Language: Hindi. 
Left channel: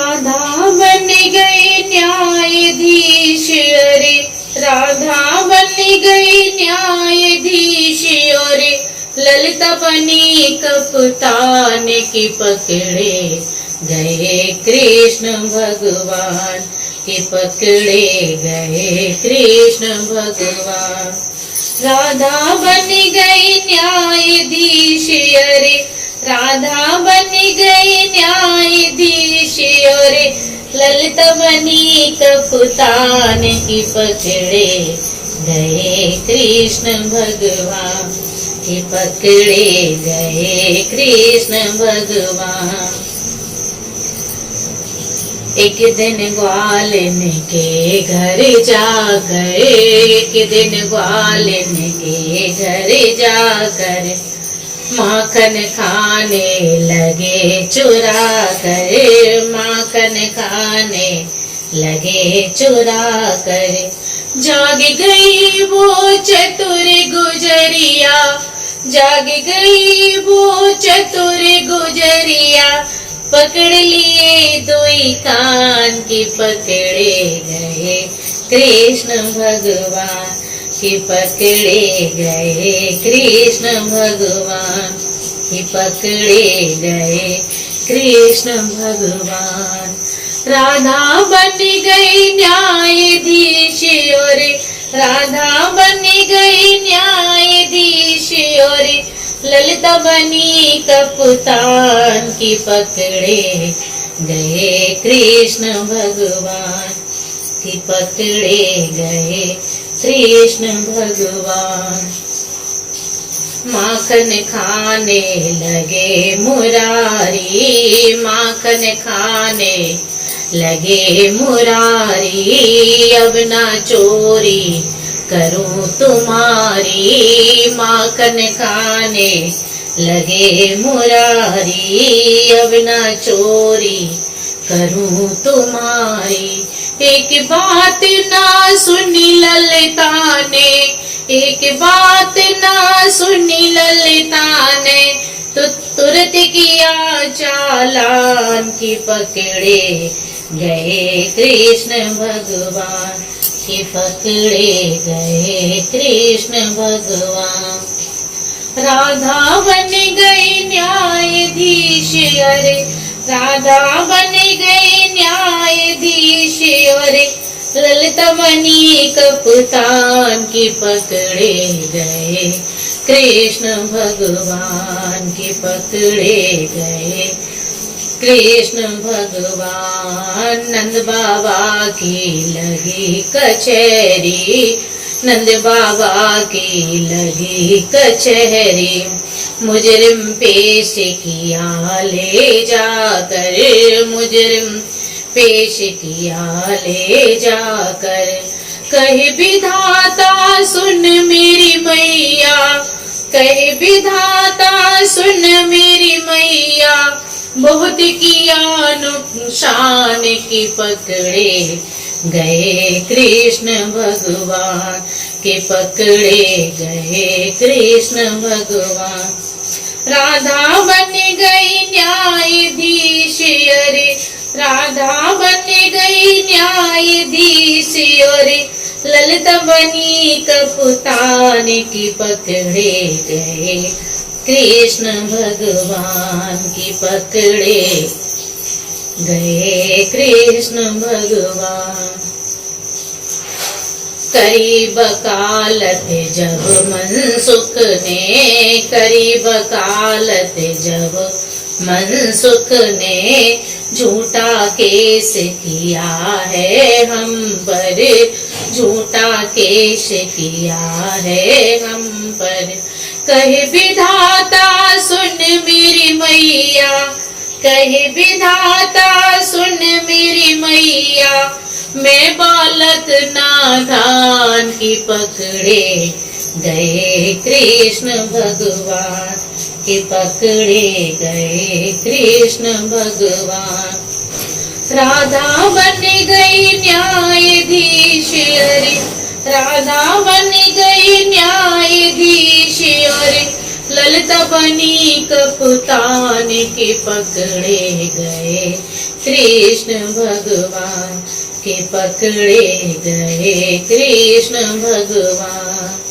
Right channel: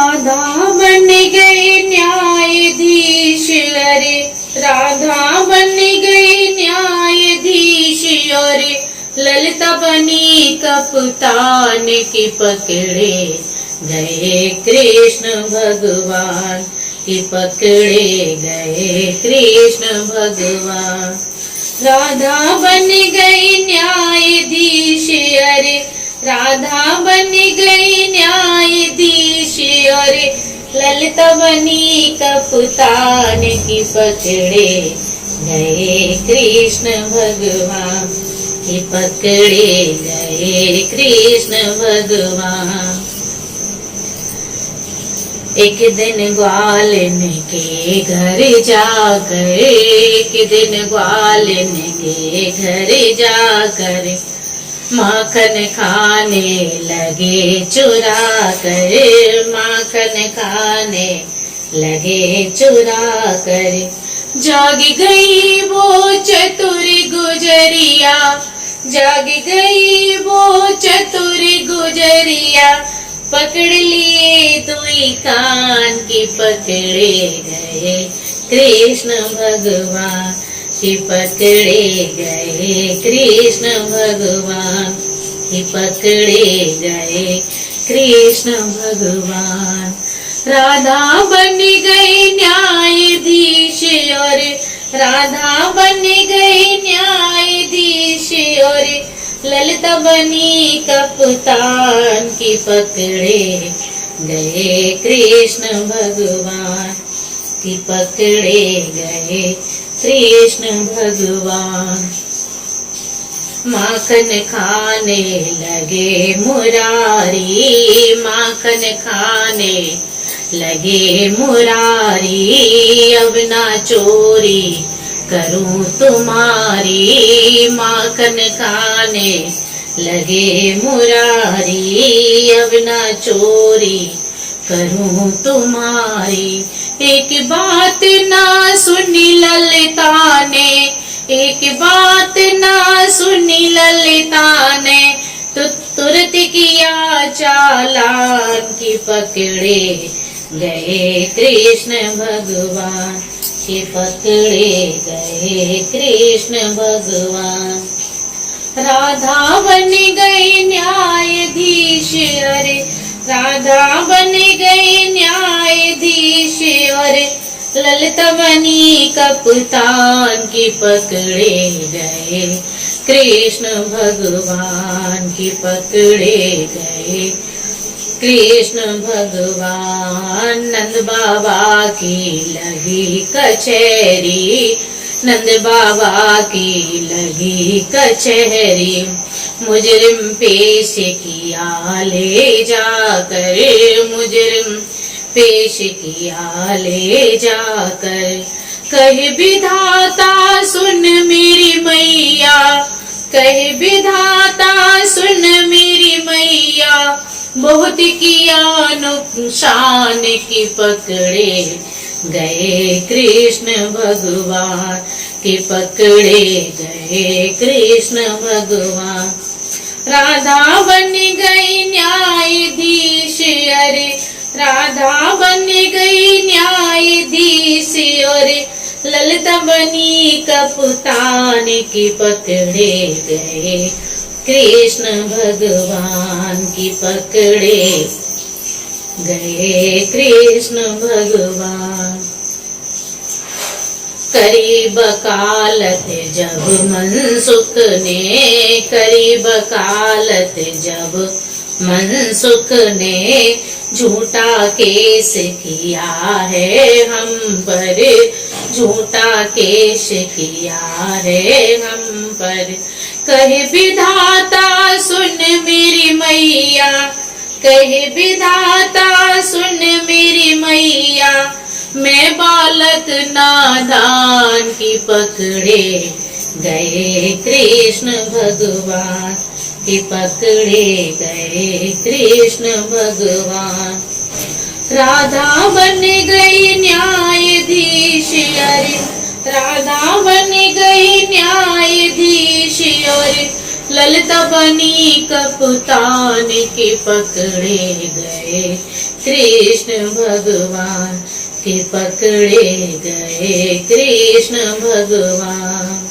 राधा बन गई न्यायाधीश, अरे राधा बन गई न्यायाधीश, और ललिता बनी कप्तान की पकड़े गए कृष्ण भगवान, की पकड़े गए कृष्ण भगवान। राधा बन गई न्यायाधीश, अरे राधा बन गई न्यायाधीश, और ललिता बनी कप्तान की पकड़े गए कृष्ण भगवान, की पकड़े गए कृष्ण भगवान। एक दिन ग्वालन के घर जाकर, एक दिन ग्वालन के घर जाकर माखन खाने लगे चुरा कर, माखन खाने लगे चुरा कर। जाग गई वो चतुर गुजरिया, जाग गई वो चतुर गुजरिया, पकड़ लिए दुई कान की पकड़े गए कृष्ण भगवान, की पकड़े गए कृष्ण भगवान, की पकड़े गए कृष्ण भगवान। राधा बन गई न्यायाधीश, और राधा बन गई न्यायाधीश, और ललिता बनी कप्तान की पकड़े गए कृष्ण भगवान, की पकड़े गए कृष्ण भगवान। माखन खाने लगे मुरारी, माखन खाने लगे मुरारी, अब ना चोरी करूं तुम्हारी, माखन खाने लगे मुरारी, अब ना चोरी करूं तुम्हारी। एक बात ना सुनी ललिता ने, एक बात ना सुनी ललिता ने, तो तुरंत किया चालान, की पकड़े गए कृष्ण भगवान, की पकड़े गए कृष्ण भगवान। राधा बन गई न्यायाधीश, अरे राधा बन गई न्यायाधीश, और ललिता बनी कप्तान की पकड़े गए कृष्ण भगवान, की पकड़े गए कृष्ण भगवान। नंद बाबा की लगी कचहरी, नंद बाबा की लगी कचहरी, मुजरिम पेश किया ले जाकर, मुजरिम पेश किया ले जाकर। कहे विधाता सुन मेरी मैया, कहे विधाता सुन मेरी मैया, बहुत किया नुकसान, की पकड़े गए कृष्ण भगवान, की पकड़े गए कृष्ण भगवान। राधा बन गई न्यायाधीश, अरे राधा बन गई न्यायाधीश, और ललिता बनी कप्तान की पकड़े गए कृष्ण भगवान, की पकड़े गए कृष्ण भगवान। करी वकालत जब मनसुख ने, करी वकालत जब मनसुख ने, झूठा केस किया है हम पर, झूठा केस किया है हम पर। कहे विधाता सुन मेरी मैया, कहे विधाता सुन मेरी मैया, मैं बालक नादान, की पकड़े गए कृष्ण भगवान, की पकड़े गए कृष्ण भगवान। राधा बन गई न्यायाधीश, अरे राधा बन गई न्यायाधीश, और ललिता बनी कप्तान, के पकड़े गए कृष्ण भगवान के पकड़े गए कृष्ण भगवान।